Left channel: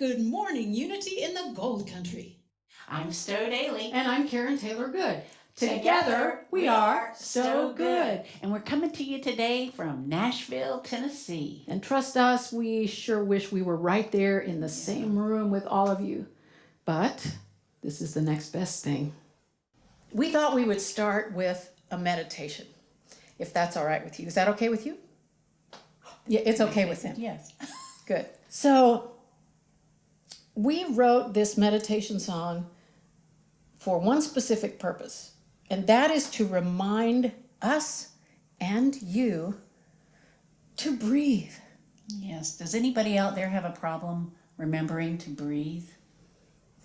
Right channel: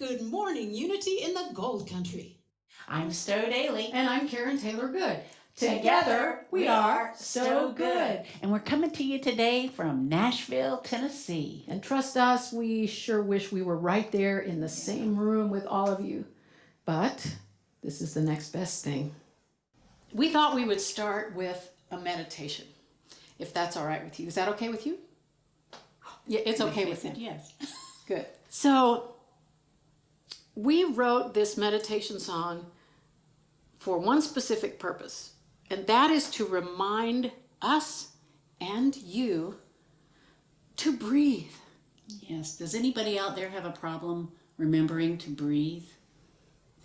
Good morning, Unity in the Gold Country. I'm Stowe Daly. And I'm Karen Taylor Good. Together we are StoweGood. And we're coming to you today from Nashville, Tennessee. And trust us, we sure wish we were right there in the same room with all of you. But this is the next best thing. We thought we would start with a meditation, if that's all right with you. Is that okay with you? Yeah, it's okay with him. Yes. Good. So we wrote this meditation song for one specific purpose, and that is to remind us and you to breathe. Yes. Does anybody out there have a problem remembering to breathe?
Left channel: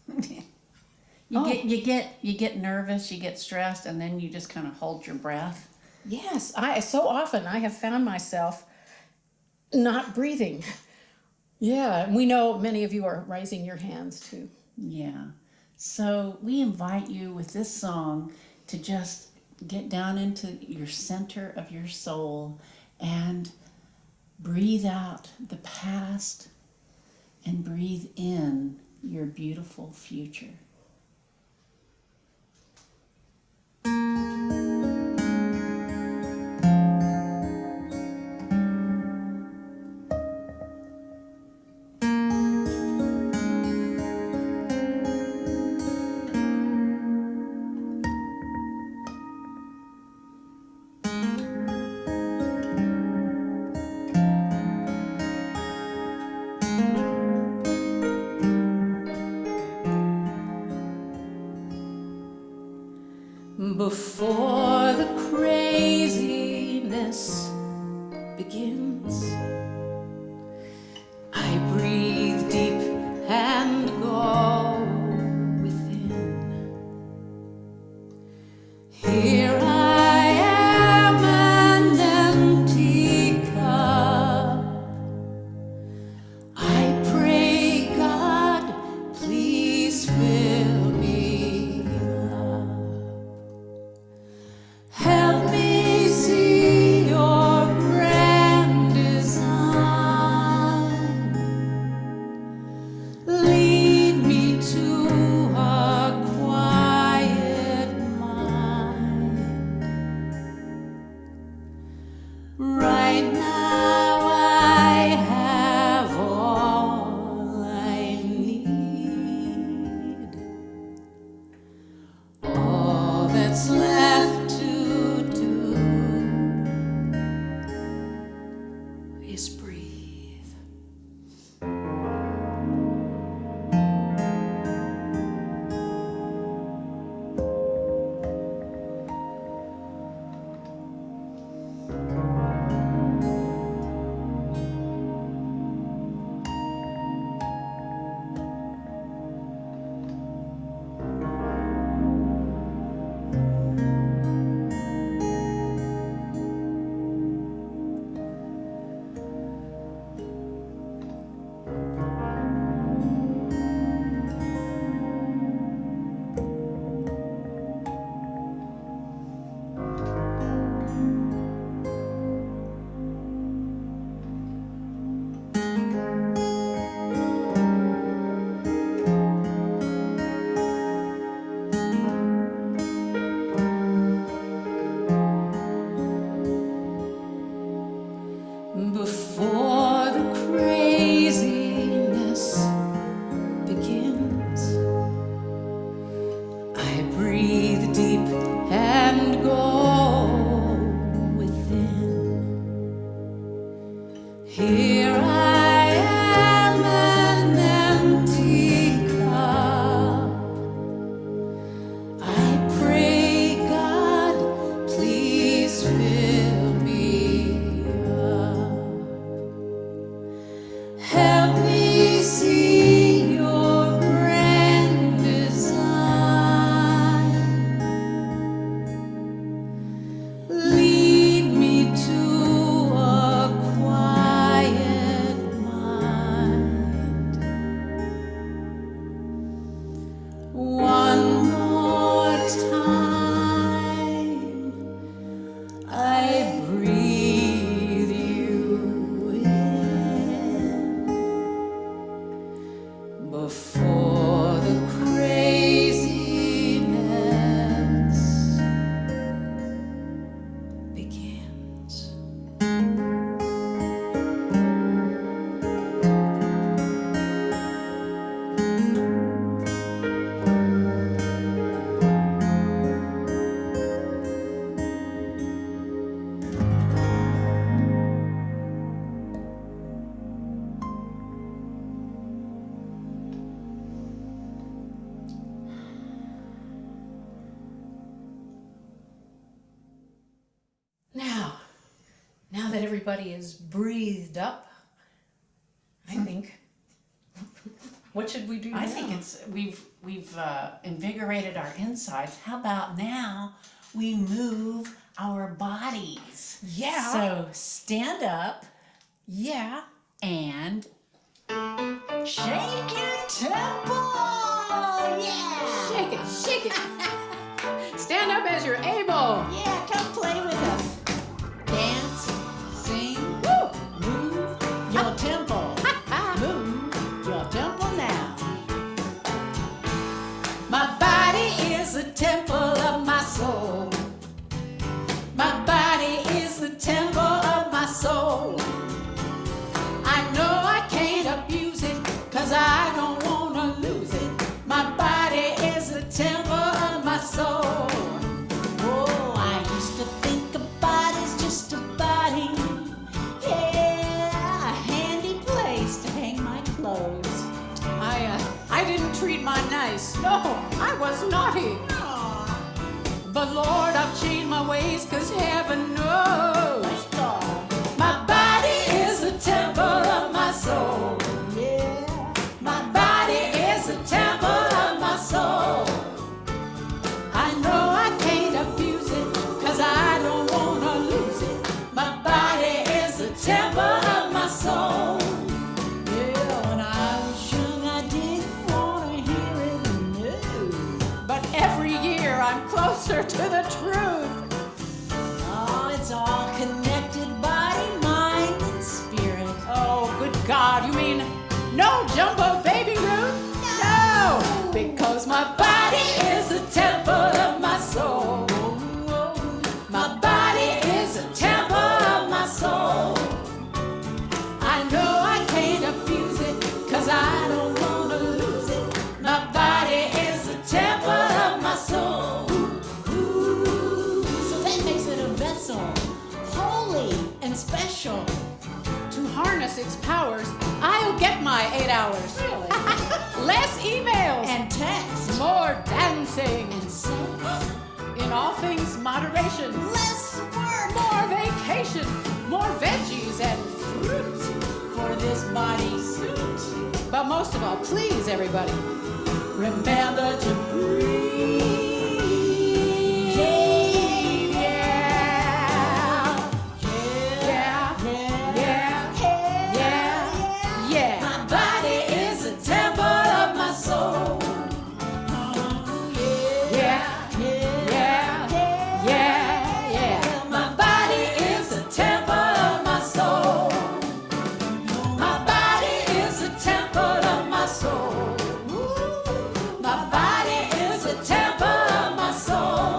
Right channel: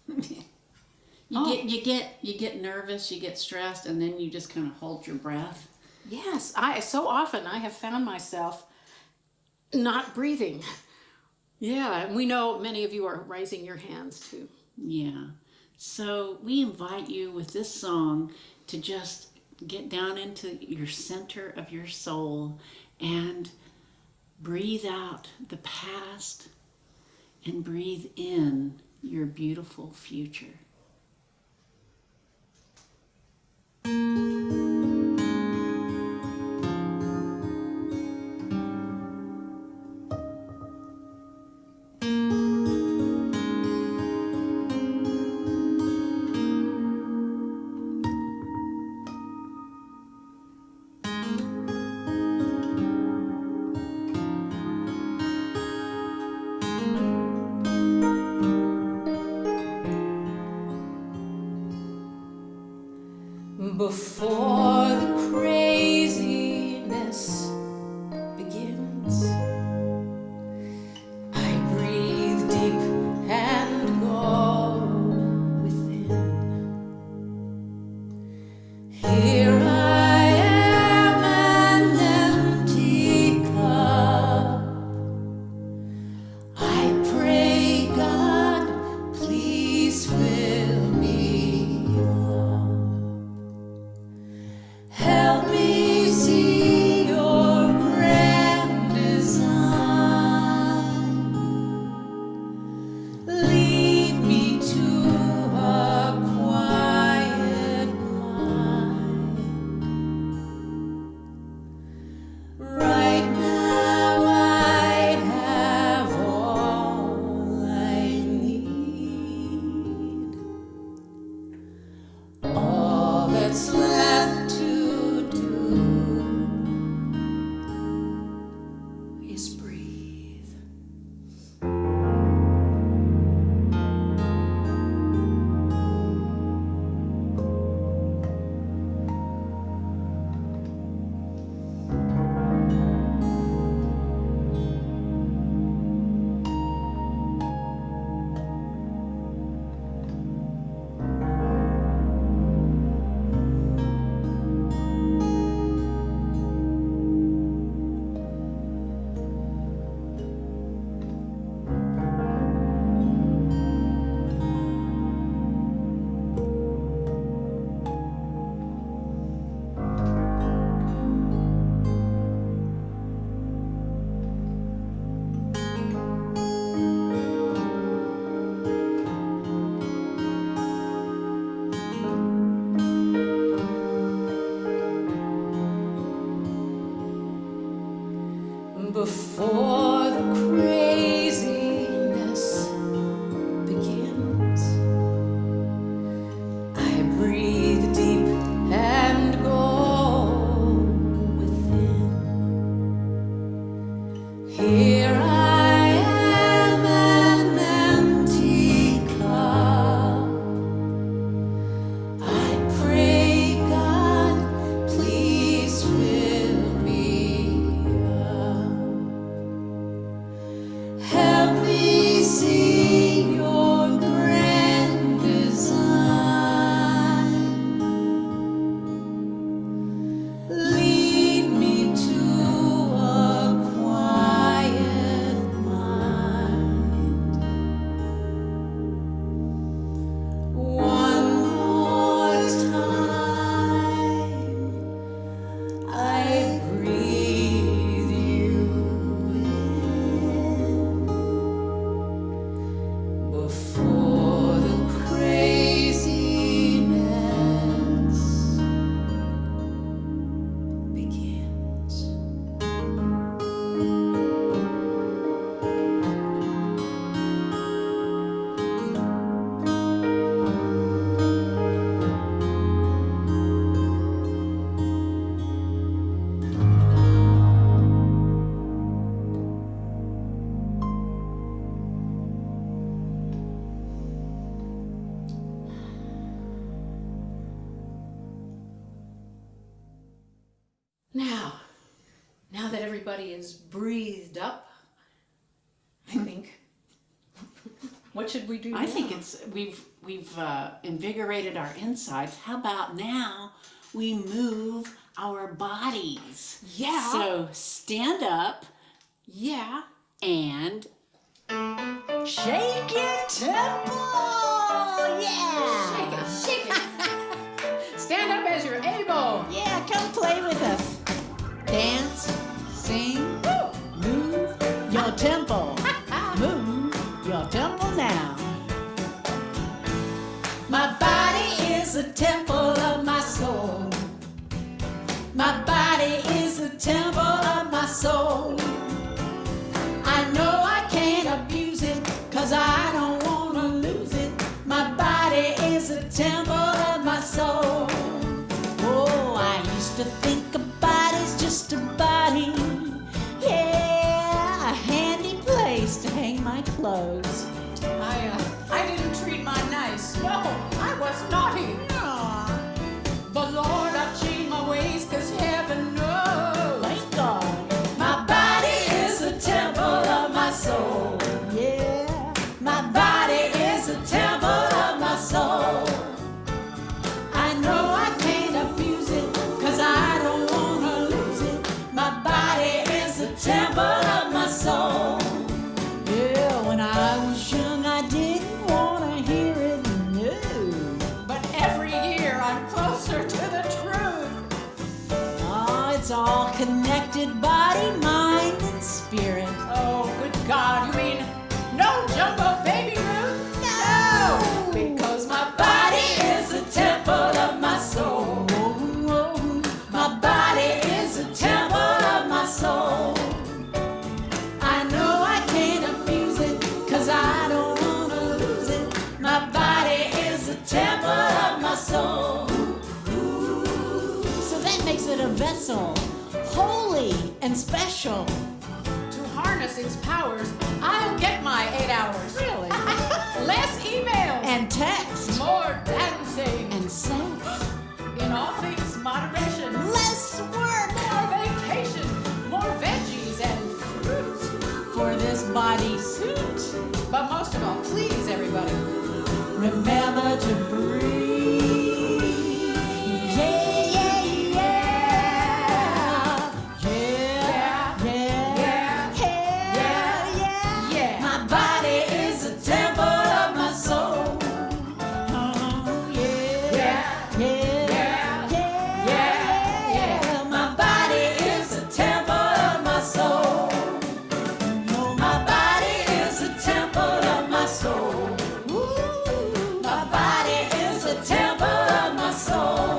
You get nervous, you get stressed, and then you just kind of hold your breath. Yes, so often I have found myself not breathing. Yeah, and we know many of you are raising your hands too. Yeah. So we invite you with this song to just get down into your center of your soul and breathe out the past and breathe in your beautiful future. Before the craziness begins, I breathe deep and go within. Here I am, an empty cup. I pray, God, please fill me up. Help me see your grand design. Lead me to a quiet mind. Right now I have all I need. All that's left to do is breathe. Before the craziness begins, I breathe deep and go within. Here I am, an empty cup. I pray, God, please fill me up. Help me see your grand design. Lead me to a quiet mind. One more time, I breathe you in. everybody is breathed up, I think. What should we do now? I think we've invigorated our insides. How about now we move our bodies? Yeah. So stand up Yeah. and shake your temple. Yeah. Shake it, shake it. Stand up as you're able. Yeah, come play with us. Dance, sing, move your temple. Move your temple now. My body is the temple of my soul. My body is the temple of my soul. I know I can't abuse it, 'cause I don't wanna lose it. My body is the temple of my soul. Oh, I used to think about it's just a body. Yeah, a handy place to hang my clothes. I didn't treat mine nice. No, I was naughty. But Lord, I've changed my ways, 'cause heaven knows. My body is the temple of my soul. My body is the temple of my soul. I know I can't abuse it, 'cause I don't wanna lose it. My body is the temple of my soul. Yeah, I'm sure I did for you. But every year I'm closer to the truth. Oh, it's all connected body, mind, and spirit. Oh, with God, I mean, no jump up, baby, no. Because my body is the temple of my soul. My body is the temple of my soul. I know I can't abuse it, 'cause I don't wanna lose it. My body is the temple of my soul. So that makes it a vessel, holy and special. To harness its powers, I'll get my 8 hours. Less email and text, more patenting and sleep. In all things, moderation. Less work, more vacation, more veggies and fruit for this body suit. But most of all, please, everybody, remember to breathe. Yeah. My body is the temple of my soul. My body is the temple of my soul. My body is the temple of my soul. My body is the temple of my soul.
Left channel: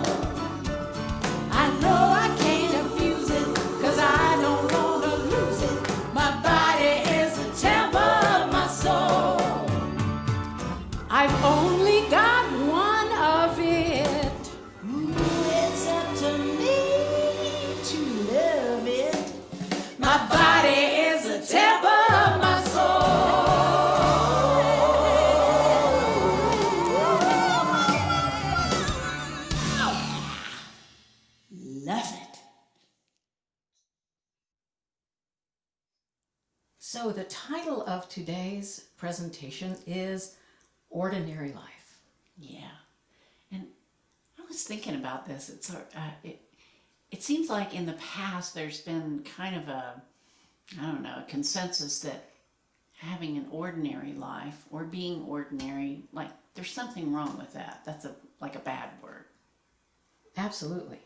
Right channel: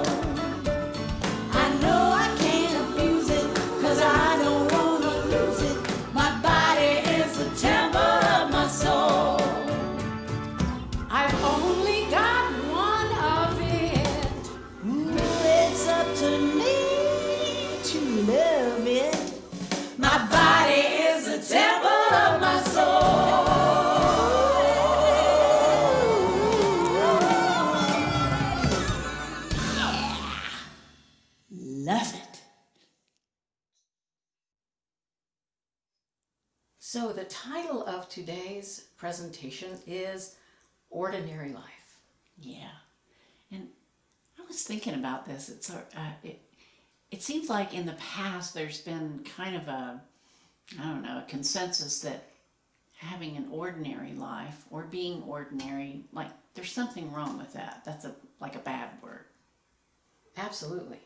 I know I can't abuse it, 'cause I don't wanna lose it. My body is the temple of my soul. I've only got one of it. It's up to me to love it. My body is the temple of my Love it. So the title of today's presentation is Ordinary Life. Yeah, and I was thinking about this. It seems like in the past there's been kind of a consensus that having an ordinary life or being ordinary, like there's something wrong with that. That's like a bad word. Absolutely.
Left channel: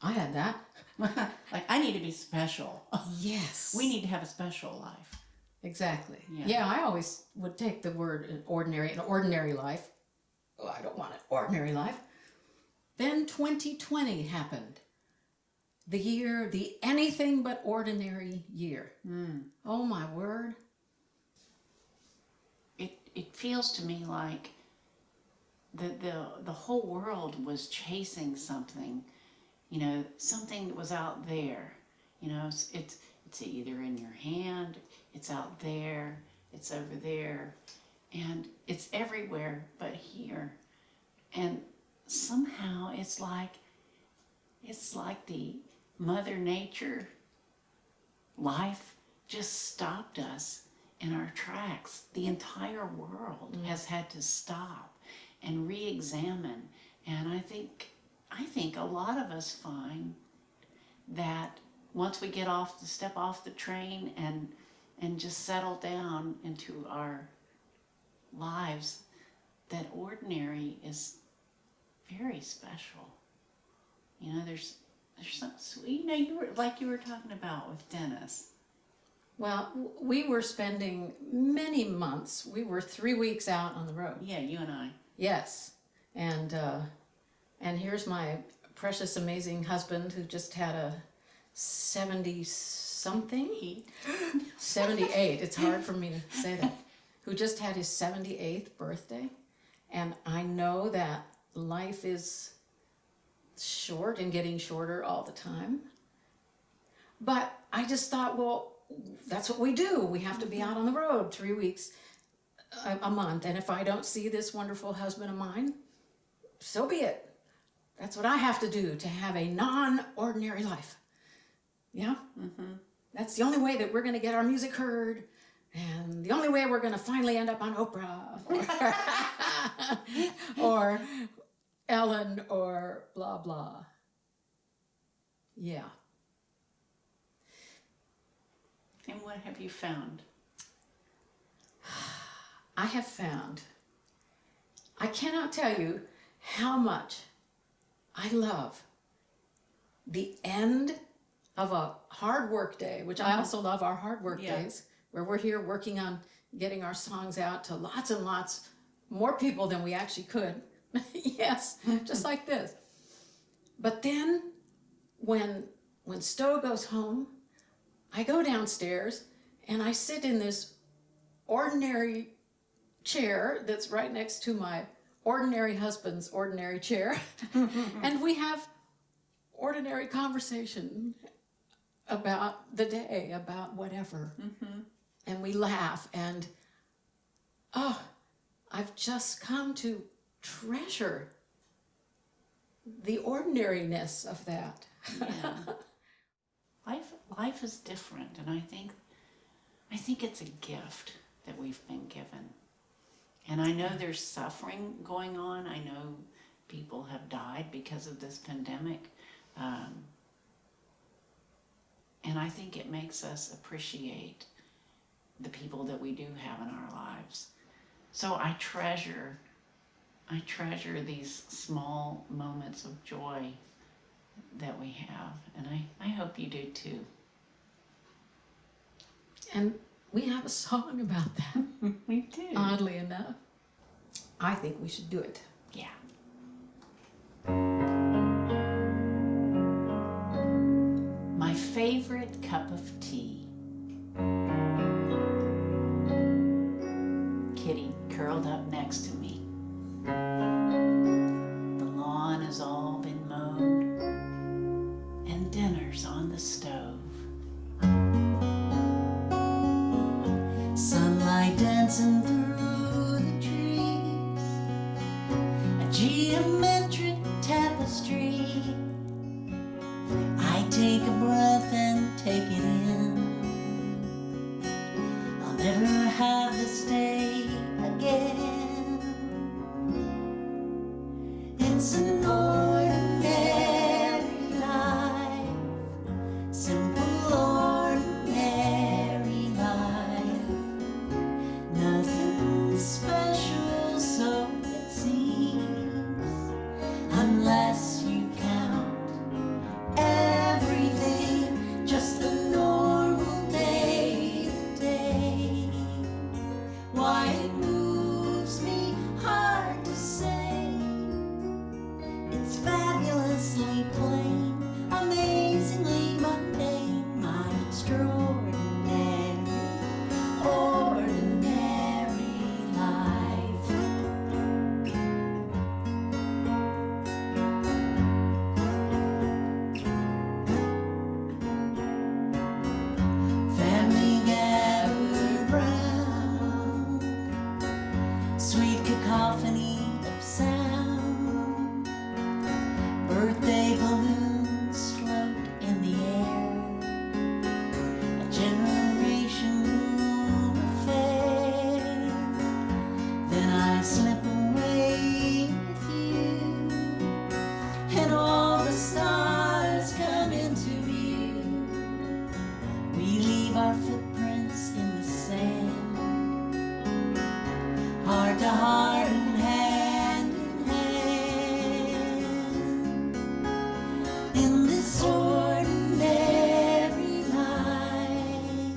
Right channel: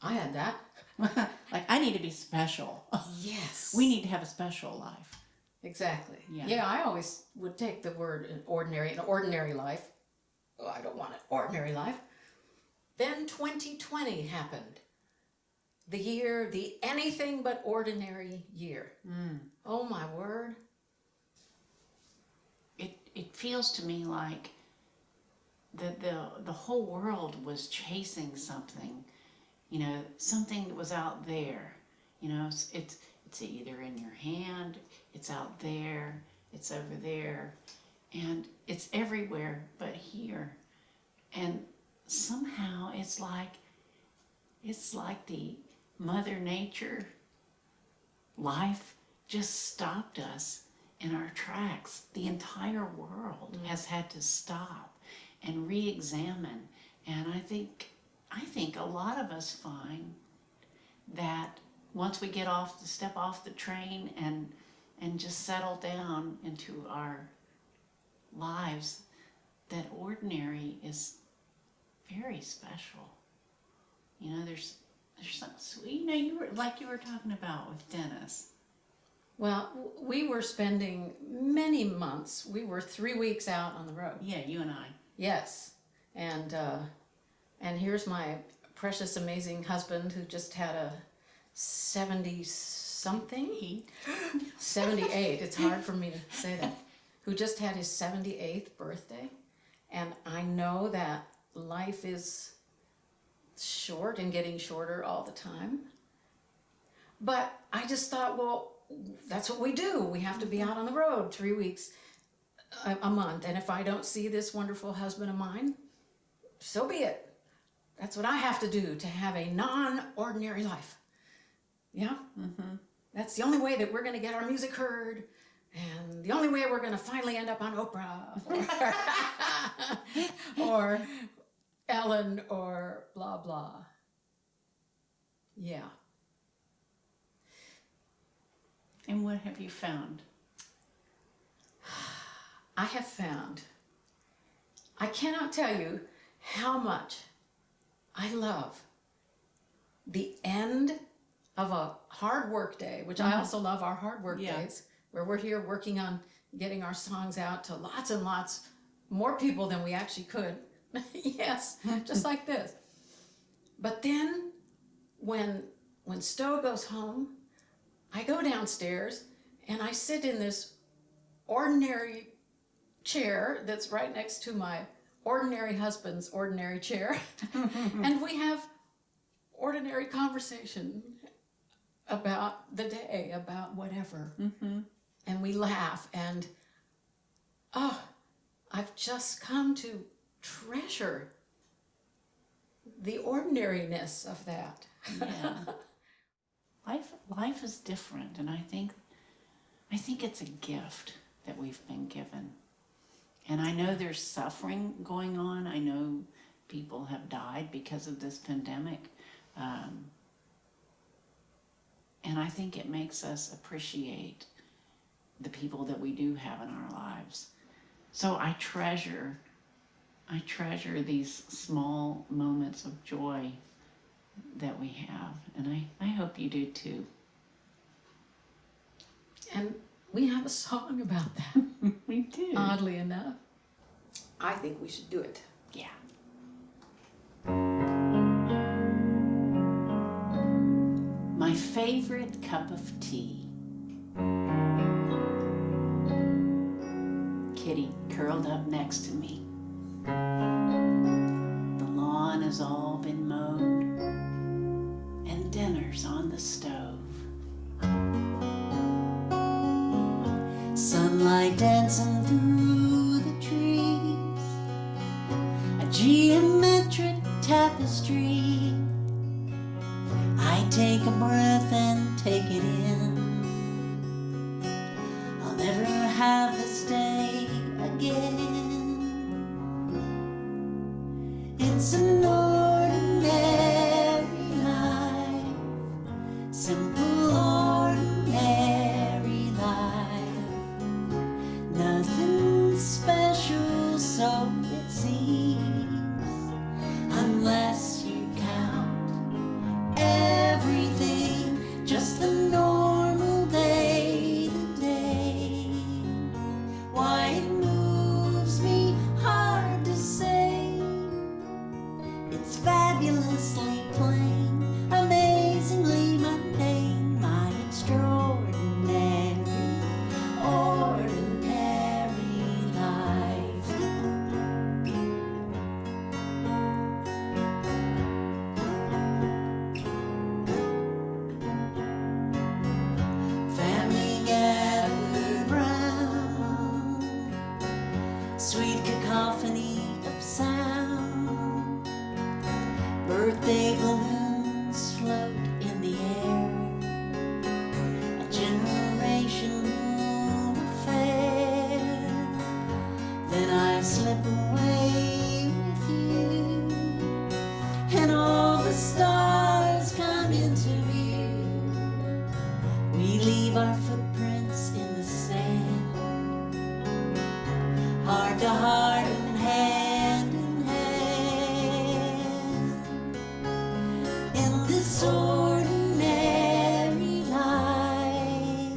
I had that. Like I need to be special. Yes. We need to have a special life. Exactly. Yeah. Yeah, I always would take the word an ordinary life. Oh, I don't want an ordinary life. Then 2020 happened. The anything but ordinary year. Oh my word. It feels to me like the whole world was chasing something, something that was out there. It's either in your hand, it's out there, it's over there, and it's everywhere but here. And somehow it's like the Mother Nature life just stopped us in our tracks. The entire world has had to stop and re-examine. And I think a lot of us find that once we step off the train and just settle down into our lives, that ordinary is very special. You know, there's something, you know, you were talking about with Dennis. Well, we were spending many months. We were 3 weeks out on the road. Yeah, you and I. Yes, and here's my precious, amazing husband who just had a 70-something. 78. It's hard for me to say that. Who just had his 78th birthday, and I know that life is short and getting shorter all the time. But I just thought, well, that's what we do. We have to be out on the road 3 weeks a month. And if I don't see this wonderful husband of mine, so be it. That's what I have to do to have a non-ordinary life. Yeah? Mm-hmm. That's the only way that we're going to get our music heard. And the only way we're going to finally end up on Oprah or Ellen or blah, blah. Yeah. And what have you found? I have found, I cannot tell you how much I love the end of a hard work day, which I also love our hard work days, where we're here working on getting our songs out to lots and lots more people than we actually could. Yes, just like this. But then when Stowe goes home, I go downstairs and I sit in this ordinary chair that's right next to my ordinary husband's ordinary chair. And we have ordinary conversation about the day, about whatever. Mm-hmm. And we laugh, and I've just come to treasure the ordinariness of that. Yeah. Life is different, and I think it's a gift that we've been given. And I know there's suffering going on. I know people have died because of this pandemic. And I think it makes us appreciate the people that we do have in our lives. So I treasure these small moments of joy that we have. And I hope you do too. And we have a song about that. We do. Oddly enough. I think we should do it. Yeah. My favorite cup of tea. Kitty curled up next to me. The lawn has all been mowed, and dinner's on the stove. Sunlight dancing through the trees, a geometric tapestry. I take a breath and take it in. I'll never have this day again. It's an ordinary life, simple ordinary life. Nothing special, so it seems, unless you count everything, just the normal day to day. Why it moves me hard to say. heart to heart and hand in hand. In this ordinary life,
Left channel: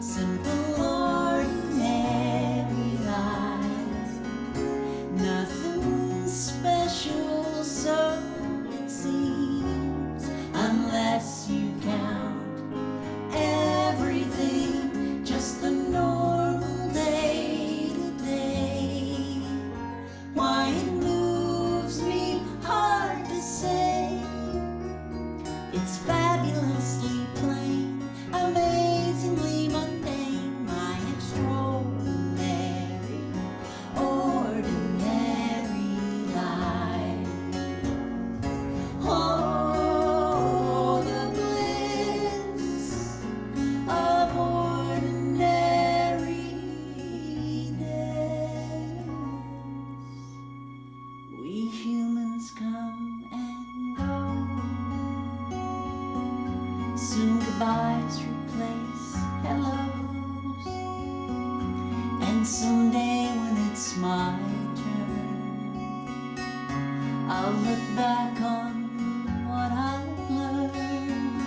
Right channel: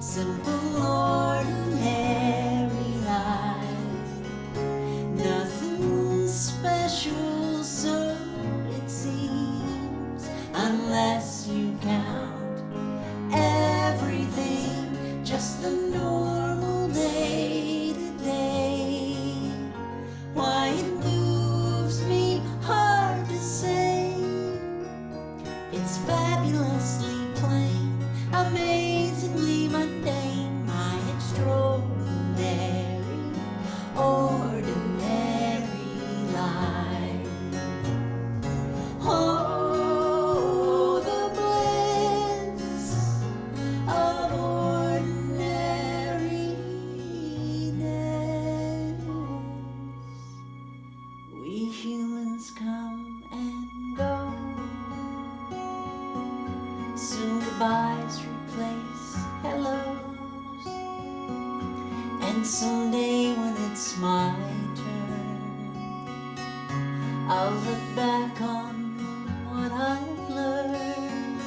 simple ordinary life, nothing special, so it seems, unless you count everything, just the normal day. Why it moves me hard to say. It's fabulously plain, amazingly mundane, my extraordinary, ordinary life. Oh, the bliss of ordinariness. We humans come and go. Soon goodbyes replace hellos. And someday when it's my turn, I'll look back on what I've learned.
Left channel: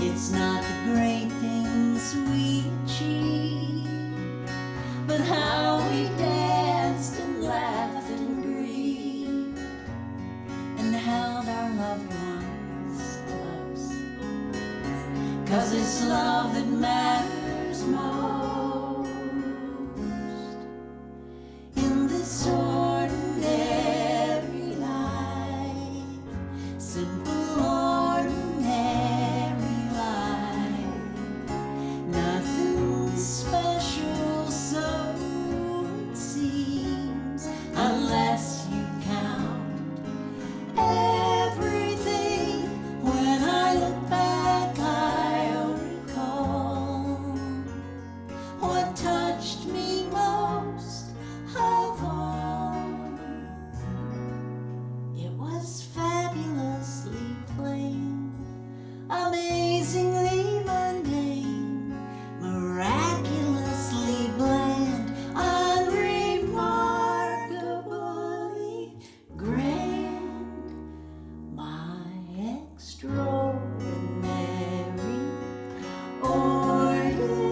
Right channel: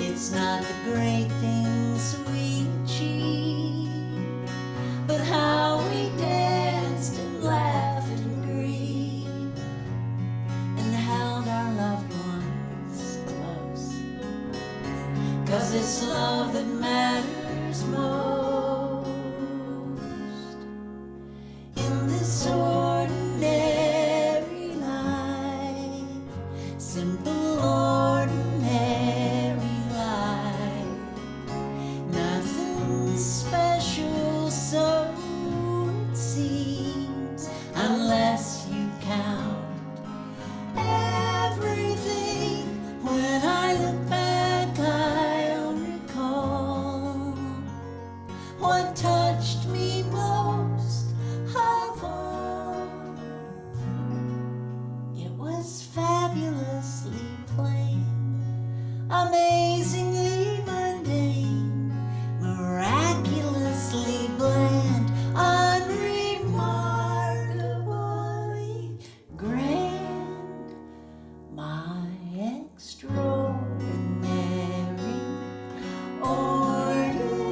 It's not the great things we achieved, but how we danced and laughed and grieved and held our loved ones close. 'Cause it's love that matters most. In this ordinary life, simple ordinary life, nothing special, so it seems, unless you count everything. When I look back, I'll recall what touched me most of all. It was fabulously plain, amazingly mundane, miraculously bland, unremarkably grand, my extraordinary, ordinary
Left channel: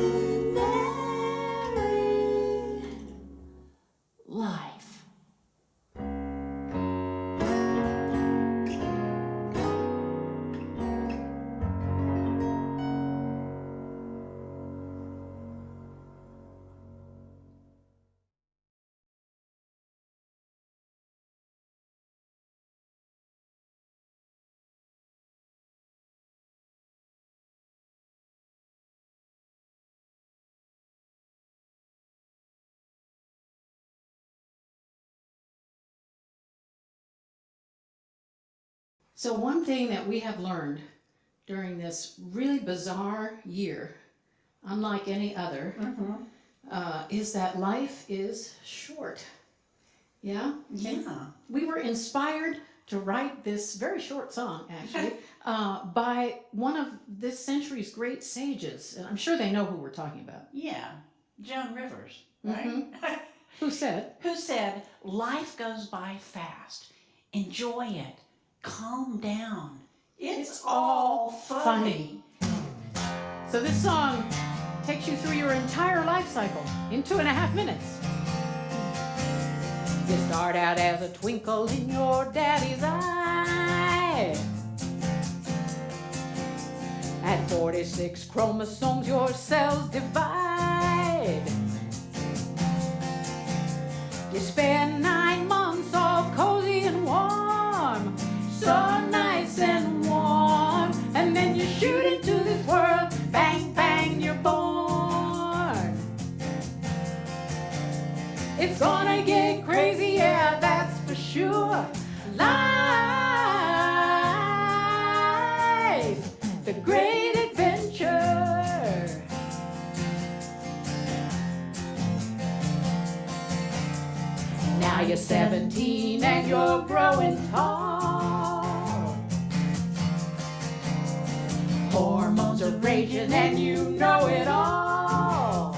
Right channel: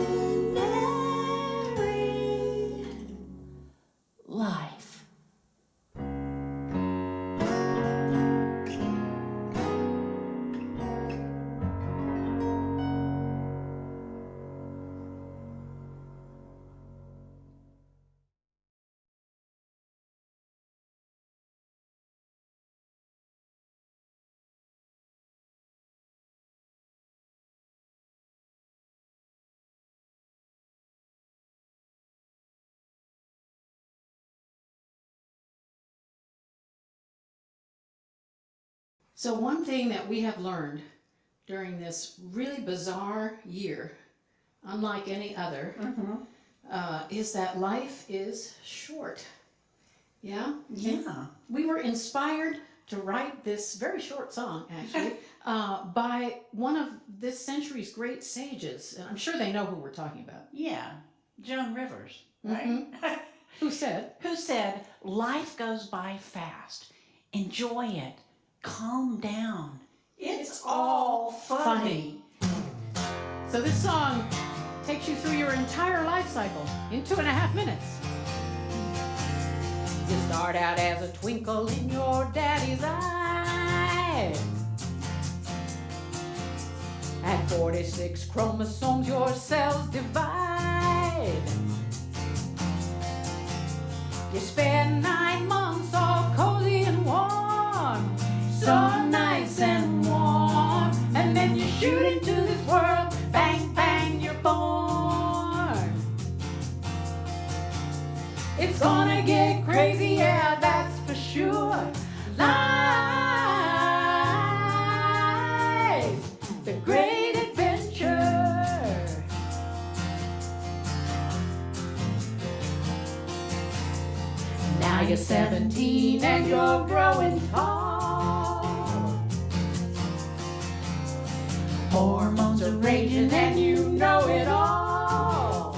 life. So one thing that we have learned during this really bizarre year, unlike any other, is that life is short. Yeah? Yeah. We were inspired to write this very short song, actually, by one of this century's great sages. And I'm sure they know who we're talking about. Yeah. Joan Rivers, right? Who said, Who said, life goes by fast. Enjoy it. Calm down. It's all funny. So this song takes you through your entire life cycle in 2.5 minutes. You start out as a twinkle in your daddy's eye. At 46 chromosomes, your cells divide. You spend 9 months all cozy and warm, so nice and warm, and then you shoot into this world, bang, bang, you're born. It's gonna get crazy, yeah, that's for sure. Life, the great adventure. Now you're 17 and you're growing tall. Hormones are raging and you know it all.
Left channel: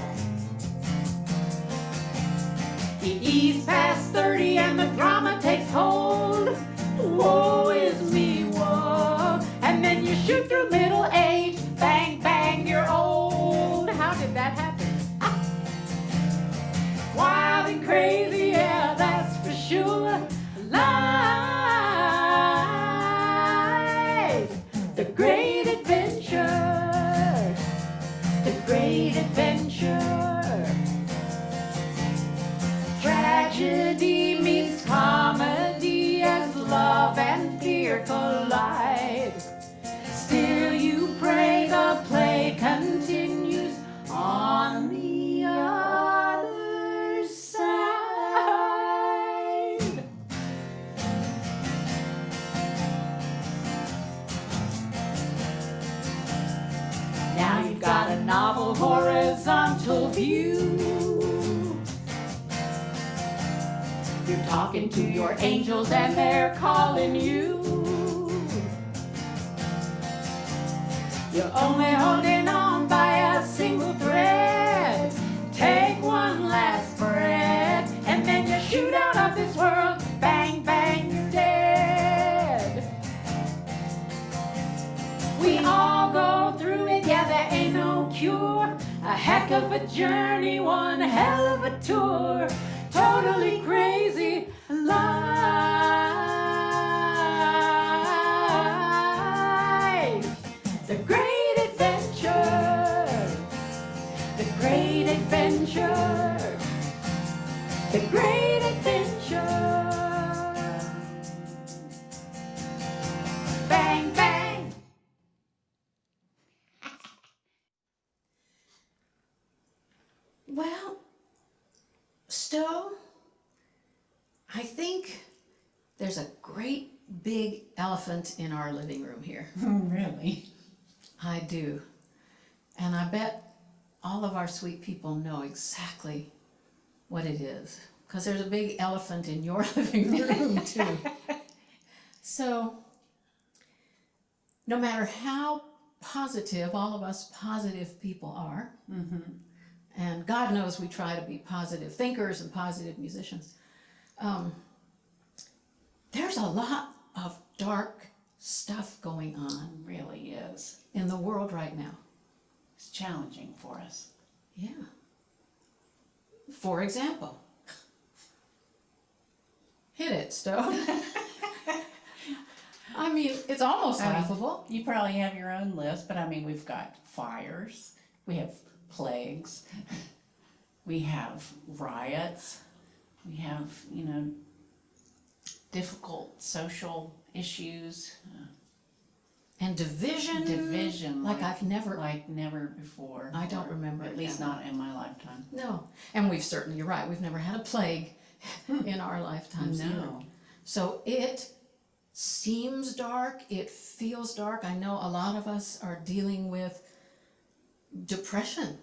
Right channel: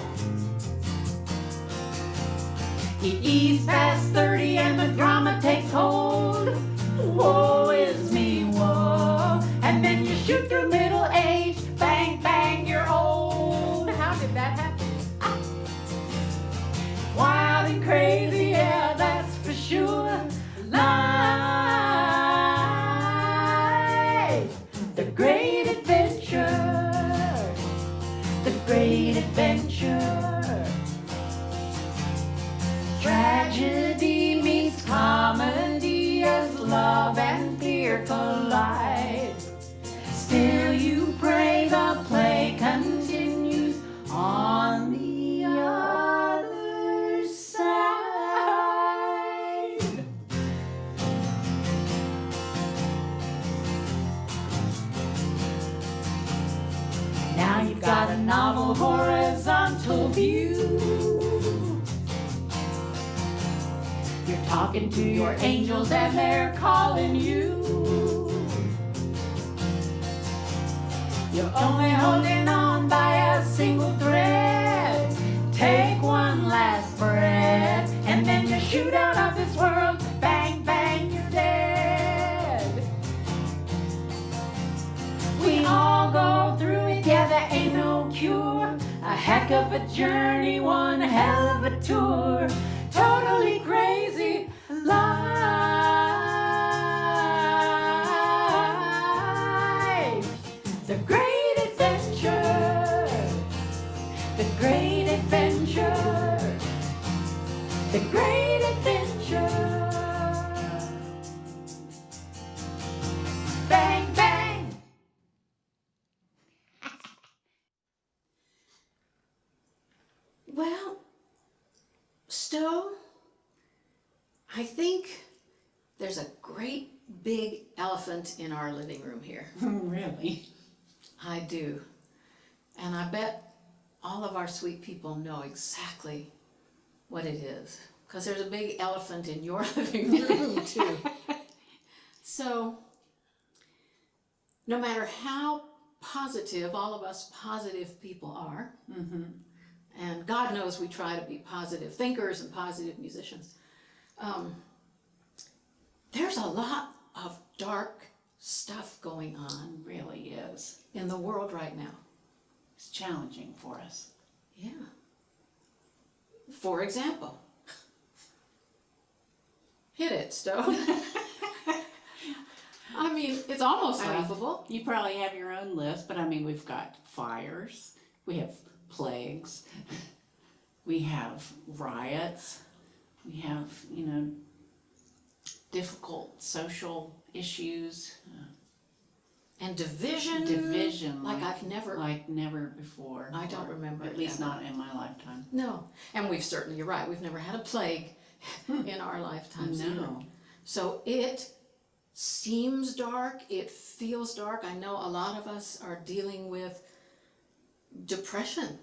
ease past 30 and when drama takes hold, woe is me, woe. And then you shoot through middle age, bang, bang, you're old. How did that happen? Wild and crazy, yeah, that's for sure. Life, the great adventure, the great adventure. Tragedy meets comedy as love and fear collide. Still you pray the play continues on the other side. Now you've got a novel horizontal view. You're talking to your angels and they're calling you. You're only holding on by a single thread. Take one last breath, and then you shoot out of this world. Bang, bang, you're dead. We all go through it, yeah, there ain't no cure. A heck of a journey, one hell of a tour. Totally crazy life. The great adventure. The great adventure. The great adventure. Bang, bang. Well, Stowe, I think there's a great big elephant in our living room here. Really? I do. And I bet all of our sweet people know exactly what it is. Because there's a big elephant in your living room too. So, no matter how positive all of us positive people are, and God knows we try to be positive thinkers and positive musicians, there's a lot of dark stuff going on It really is. in the world right now. It's challenging for us. Yeah. For example, hit it, Stowe. I mean, it's almost laughable. You probably have your own list, but I mean, we've got fires, we have plagues, we have riots, we have, difficult social issues, And division. division. Like I've never. Like never before. I don't remember At it least ever. not in my lifetime. No. And we've certainly, you're right, we've never had a plague in our lifetimes either. No. So it seems dark, it feels dark. I know a lot of us are dealing with depression.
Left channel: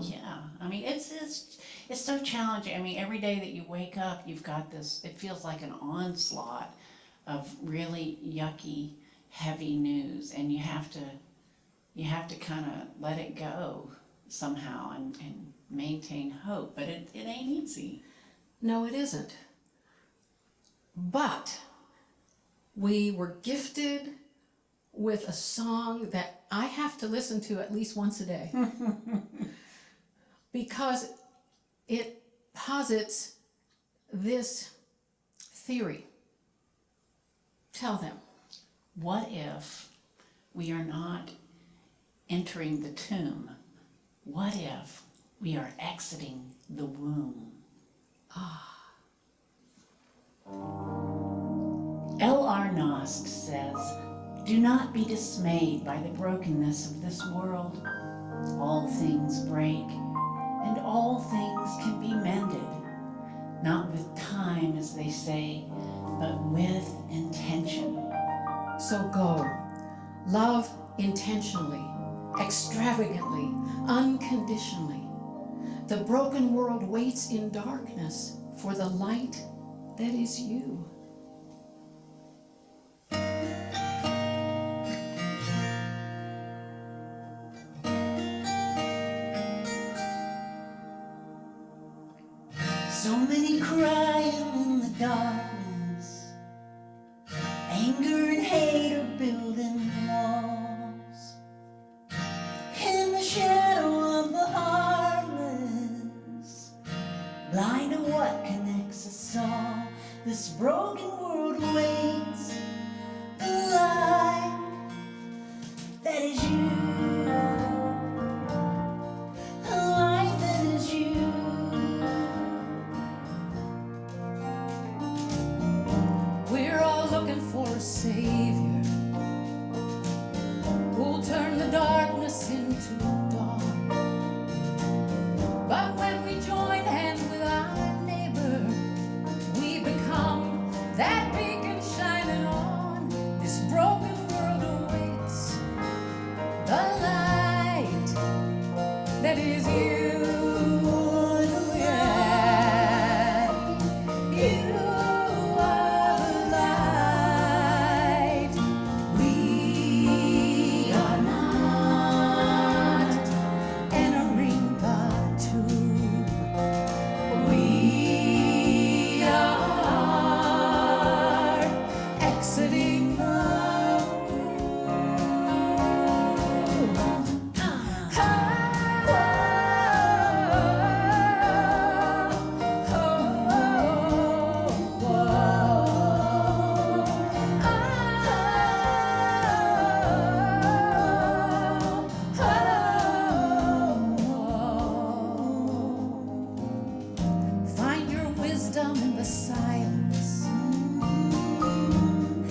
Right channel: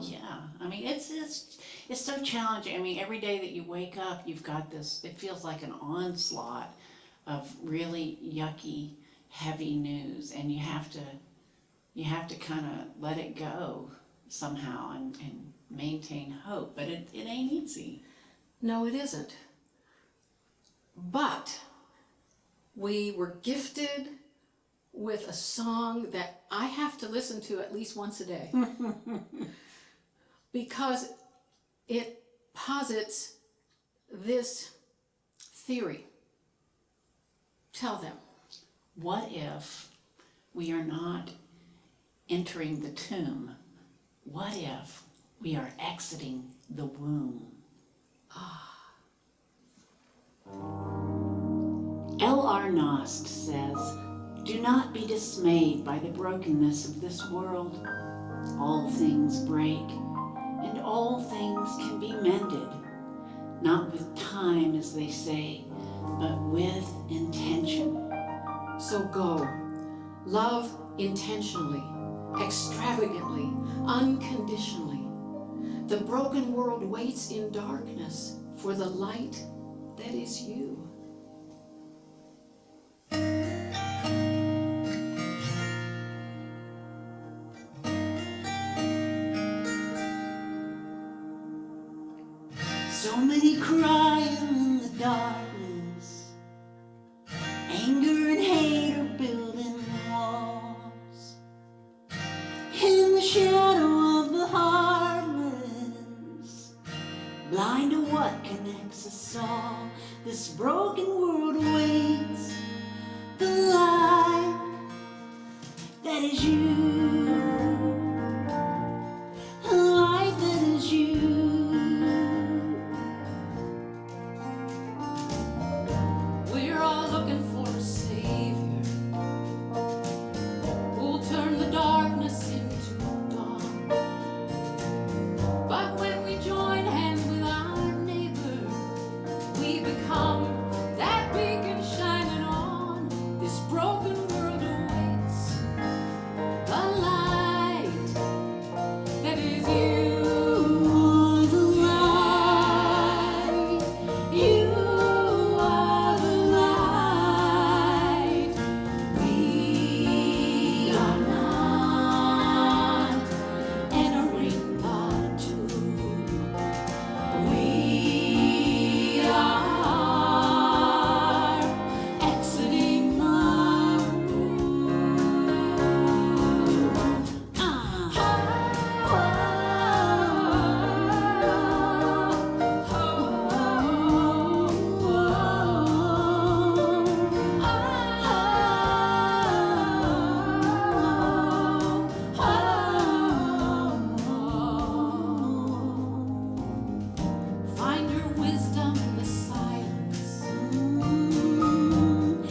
Yeah, I mean, it's so challenging. I mean, every day that you wake up, you've got this, it feels like an onslaught of really yucky, heavy news, and you have to kind of let it go somehow and maintain hope, but it ain't easy. No, it isn't. But we were gifted with a song that I have to listen to at least once a day because it posits this theory. Tell them. What if we are not entering the tomb? What if we are exiting the womb? L.R. Nost says, "Do not be dismayed by the brokenness of this world. All things break, and all things can be mended, not with time, as they say, but with intention." So go. Love intentionally, extravagantly, unconditionally. The broken world waits in darkness for the light that is you. So many crying in the darkness, anger and hate are building walls. In the shadow of the heartless, blind to what connects us all, this broken world awaits the light that is you, a light that is you. We're all looking for a savior who'll turn the darkness into dawn. But when we join hands with our neighbor, we become that beacon shining on. This broken world awaits the light that is you. The light, You are the light. We are not entering the tomb. We are exiting the room. Find your wisdom in the silence.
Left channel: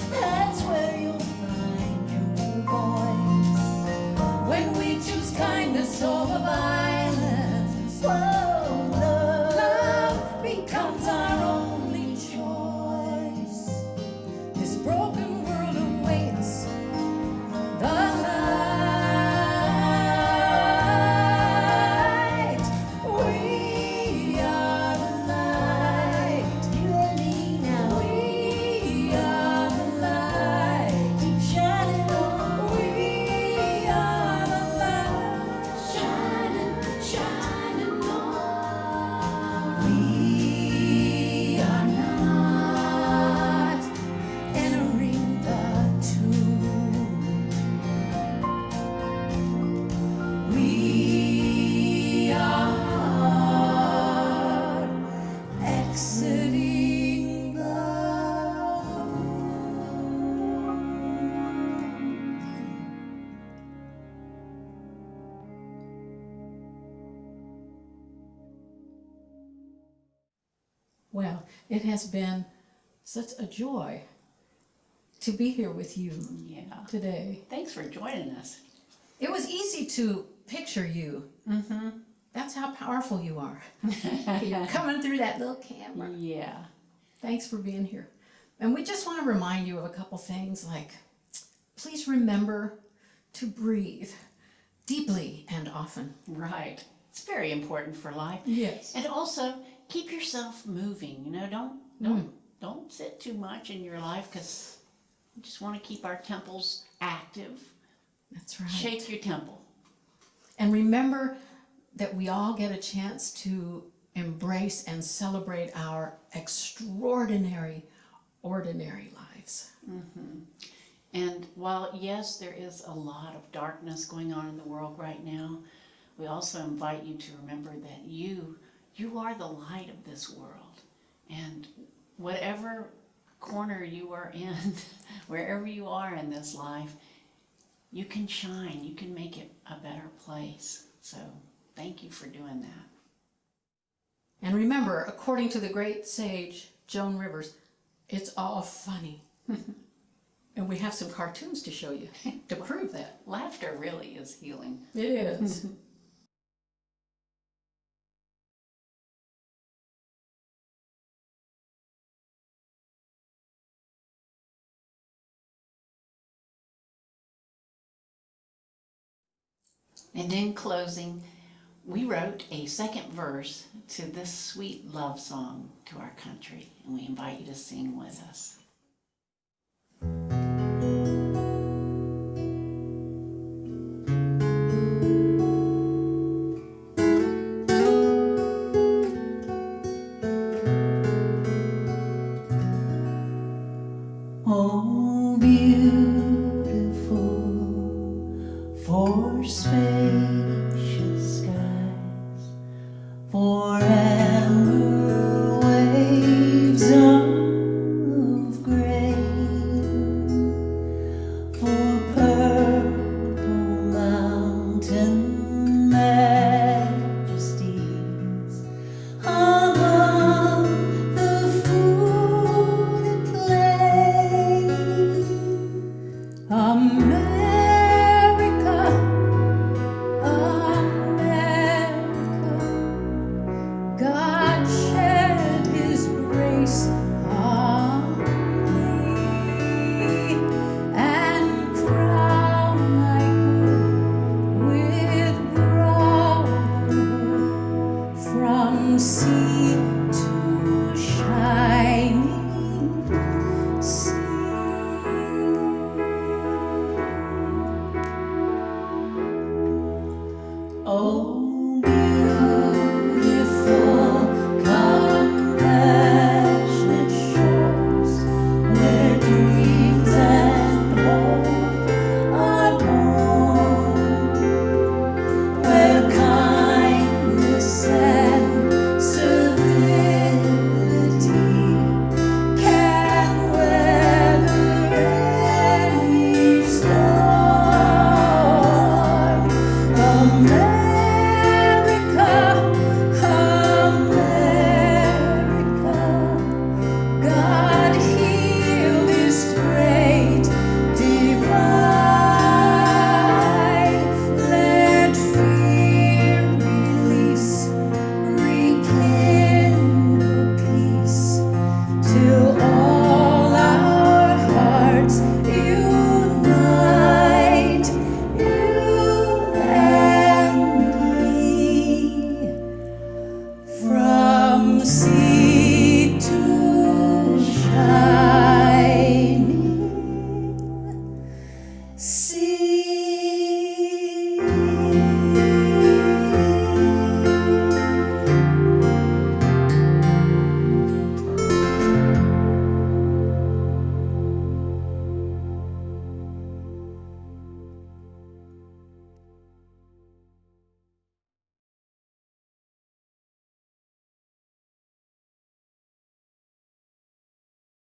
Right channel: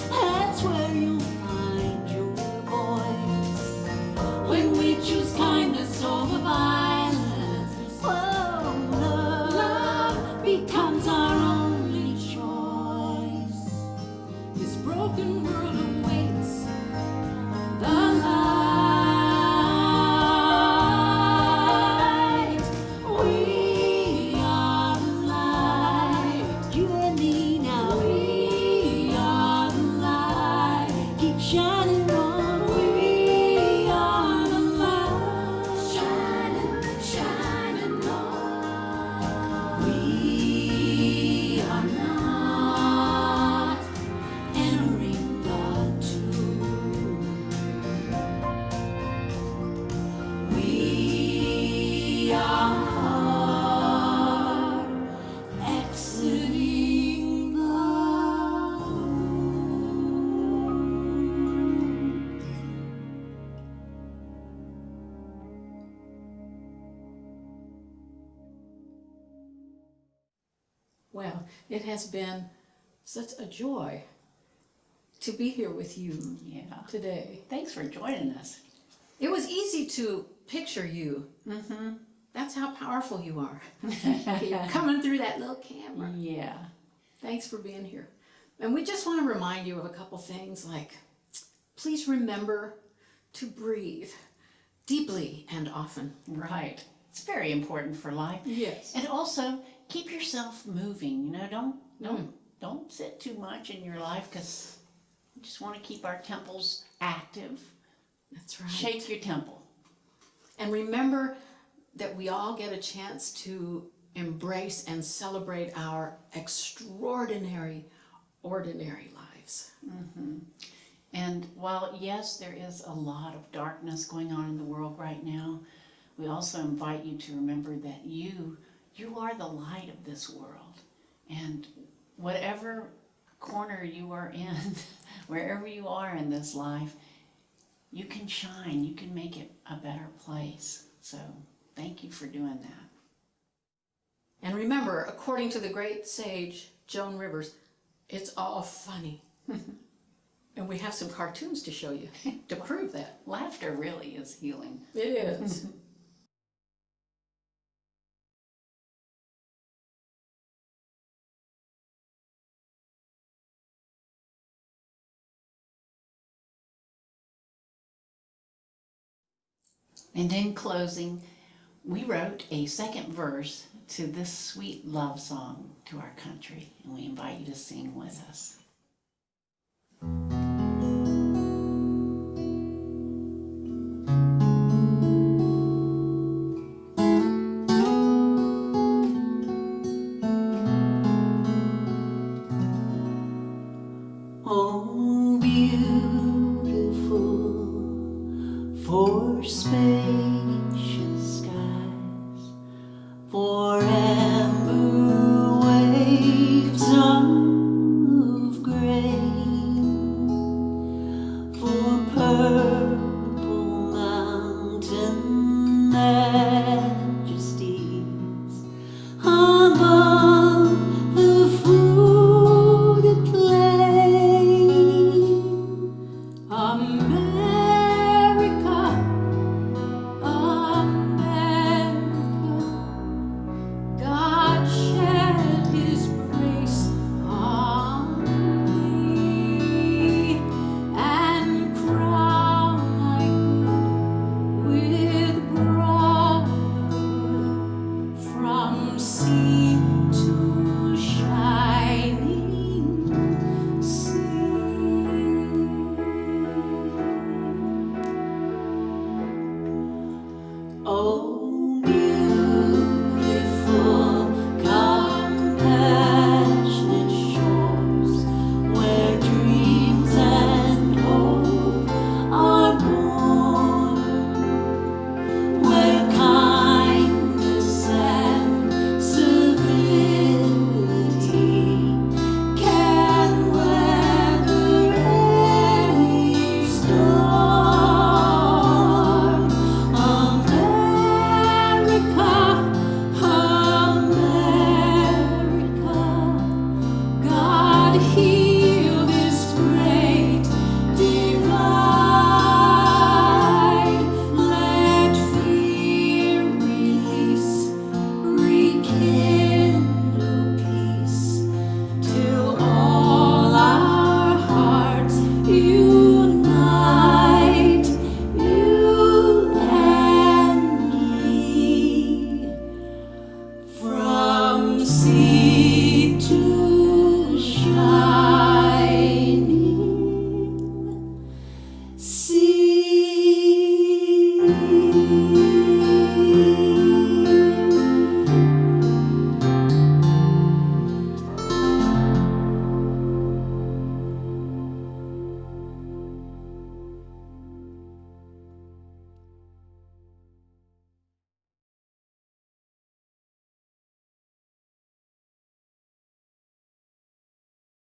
that's where you'll find your voice. When we choose kindness over violence, Whoa, love, love becomes our only choice. This broken world awaits the light. We are the light. you and me now. We are the light. Keep shining on. We are the light. Shining, shining on. We are not entering the tomb. We are exiting the room. Well, it has been such a joy to be here with you Yeah. today. Thanks for joining us. It was easy to picture you. Mm-hmm. That's how powerful you are. You're coming through that little camera. Yeah. Thanks for being here. And we just want to remind you of a couple things like, please remember to breathe deeply and often. Right. It's very important for life. Yes. And also keep yourself moving. You know, don't sit too much in your life because you just want to keep our temples active. That's right. Shake your temple. And remember that we all get a chance to embrace and celebrate our extraordinary, ordinary lives. And while, yes, there is a lot of darkness going on in the world right now, we also invite you to remember that you are the light of this world. And whatever corner you are in, wherever you are in this life, you can shine, you can make it a better place. So thank you for doing that. And remember, according to the great sage Joan Rivers, it's all funny. And we have some cartoons to show you to prove that. Laughter really is healing. It is. And in closing, we wrote a second verse to this sweet love song to our country, and we invite you to sing with us. for amber waves of grain, for purple mountain majesties above the fruited plain. America, America, God shed His grace on thee, and crown thy good with brotherhood from sea to